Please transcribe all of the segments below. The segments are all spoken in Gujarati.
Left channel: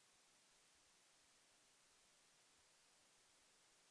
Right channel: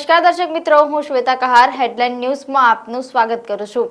નમસ્કાર દર્શક મિત્રો, હું શ્વેતા કહાર હેડલાઇન ન્યૂઝમાં આપનું સ્વાગત કરું છું।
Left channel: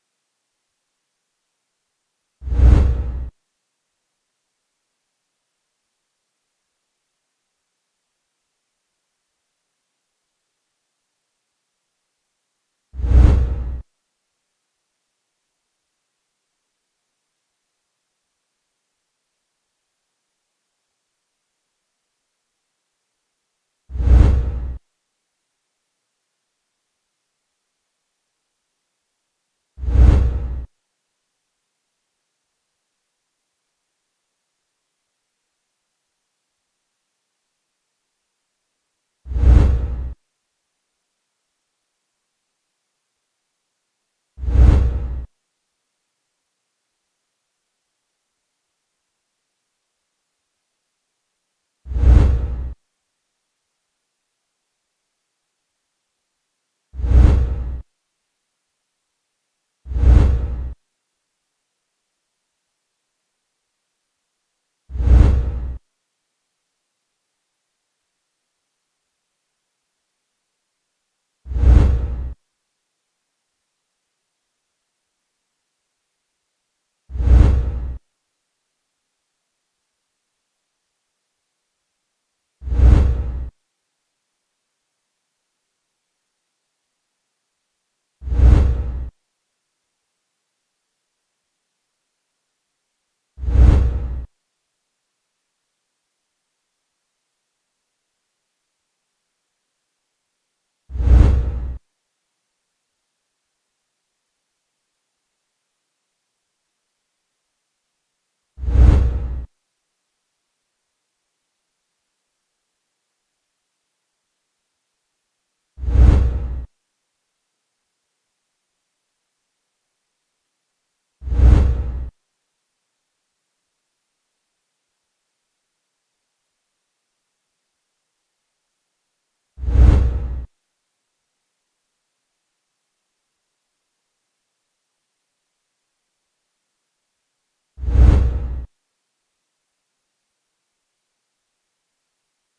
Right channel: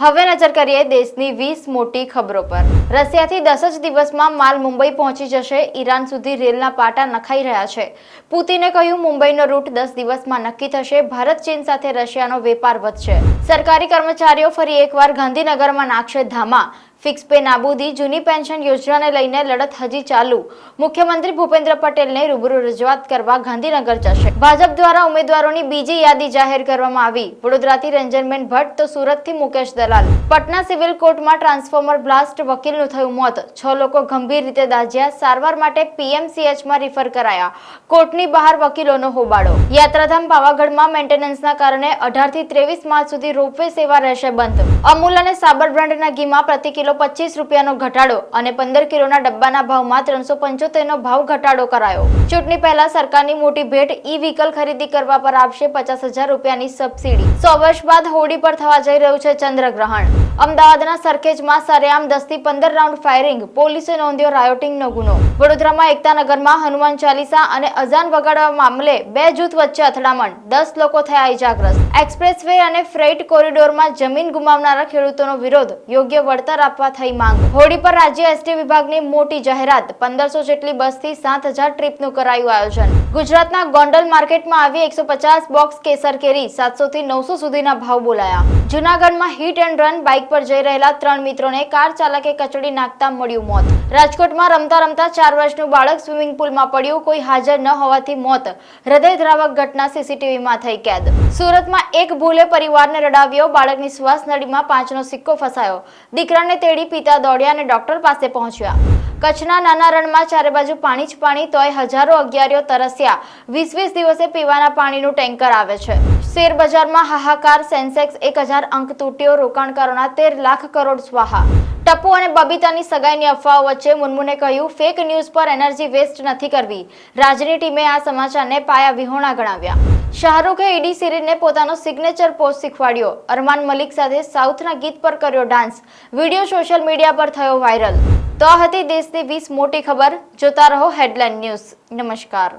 હવે નજર કરીએ દેશની 20 મોટી ખબરો પર। રશિયાથી 10 જ દિવસમાં માલ મુંબઈ પહોંચી જશે। ઈરાન સુધી રેલના પાટા નખાઈ રહ્યા છે। પુતિને કહ્યું મુંબઈનો રૂટ 10 દિવસમાં નક્કી થશે। ભારત ચીન સાથે રશિયાનો વેપાર વધશે। સરકારી કર્મચારીઓ ફરી એકવાર ગાંધીનગરમાં નાખશે ધામા। ફિક્સ પે નાબૂદી, જૂની પેન્શન યોજનાને લઈને લડત હજી ચાલુ। મુખ્યમંત્રી ભૂપેન્દ્ર પટેલને રૂબરૂ રજૂઆત કરવા ગાંધીનગર જશે। ભાજપ દ્વારા ઉમેદવારોની બીજી યાદી જાહેર કરવામાં આવી। વડોદરાથી રંજનબેન ભટ્ટ તો સુરતથી મુકેશ દલાલ। પટના સિવિલ કોર્ટમાં ટ્રાન્સફોર્મર બ્લાસ્ટ, વકીલનું થયું મોત। 6 લોકો ગંભીર રીતે દાઝ્યા। સારવાર માટે પીએમસીએચમાં રિફર કરાયા। કોર્ટની બહાર વકીલોનો હોબાળો। યાત્રાધામ પાવાગઢમાં મેન્ટેનન્સના કારણે 18 થી 23 માર્ચ સુધી રોપવે સેવા રહેશે બંધ। અમૂલ અને સાબર બ્રાન્ડના ઘીમાં પ્રતિ કિલો 25 રૂપિયાનો ઘટાડો અને 15 કિલોના ડબ્બાના ભાવમાં 375નો ભાવ ઘટાડો કરાયો। ચૂંટણી પહેલા સરકારની મોટી ભેટ, ઈ વ્હીકલ ખરીદી કરવા પર આપશે 50,000 રૂપિયાની સબસિડી। 100 વર્ષ બાદ હોળી પર થવા જઈ રહ્યું છે ચંદ્રગ્રહણ। અમદાવાદના સરખેજમાં સરેઆમ 10 થી 15 રાઉન્ડ ફાયરિંગ, પોલીસે નોંધ્યો રાયોટિંગનો ગુનો। વડોદરામાં એકતાનગરમાં હનુમાન ચાલીસા અને અઝાન વગાડવા મામલે 2 જૂથ વચ્ચે અથડામણ, 10 લોકો થયા ઇજાગ્રસ્ત। એક્સપ્રેસ વે અને ફ્રેઇટ કોરિડોરમાં જમીન ગુમાવનારા ખેડૂતોનો વિરોધ, યોગ્ય વળતર આપવા થઈ માંગ। હોળી પર રાજ્ય એસટી વિભાગની મોટી જાહેરાત, 1500 જેટલી બસથી 7000 ટ્રીપનું કરાયું આયોજન। ગુજરાતના ગોંડલ માર્કેટમાં આવી 150 બોક્સ કેસર કેરી, 700 થી 900 સુધીના ભાવ બોલાયા। જૂનાગઢમાં હિટ એન્ડ રન, બાઇક પર જઈ રહેલા 3 મિત્રોને કાર ચાલકે કચડી નાખતા મળ્યું મોત। રાજકોટમાં રમતા રમતા 4 વર્ષનું બાળક સ્વિમિંગ પુલમાં પડ્યું, કોઈ હાજર ન હોવાથી મોત। હૃદયદ્રાવક ઘટના સીસીટીવીમાં થઈ કેદ। સુરતમાં એક ભૂલે પરિવારને રડાવ્યો, બાળકની શ્વાસ નળીમાં 5નો સિક્કો ફસાયો। દીકરાને તેડી પિતા દોડ્યા અને ડોક્ટર પાસે પહોંચ્યા। કચ્છના નાના રણમાં ચારે બાજુ પાણી જ પાણી, તોય હજારો અગિયારીઓ તરસ્યા। 20 દિવસે પીવાના પાણીનું ટેન્કર આવે છે। શેર બજારમાં હાહાકાર, સેન્સેક્સ 1000 અંક તૂટ્યો, રોકાણકારોના 13 લાખ કરોડ સ્વાહા। ટપ્પુ અને બબીતાની સગાઈની અફવાઓ વચ્ચે મુનમુને કહ્યું ફેક ન્યૂઝ પર એનર્જી વેસ્ટ નથી કરવી। રાજની ટીમે આ સમાચારને પાયા વિહોણા ગણાવ્યા। શાહરૂખે ઈડી સિરીઝને પોતાનો સિગ્નેચર પોઝ શીખવાડ્યો। અરમાન મલિક સાથે સાઉથના ગીત પર કર્યો ડાન્સ। વિડીયો સોશિયલ મીડિયા પર થયો વાયરલ। તો આ હતી દેશની 20 મોટી ખબર। જોતા રહો હેડલાઇન ન્યૂઝ। નમસ્કાર।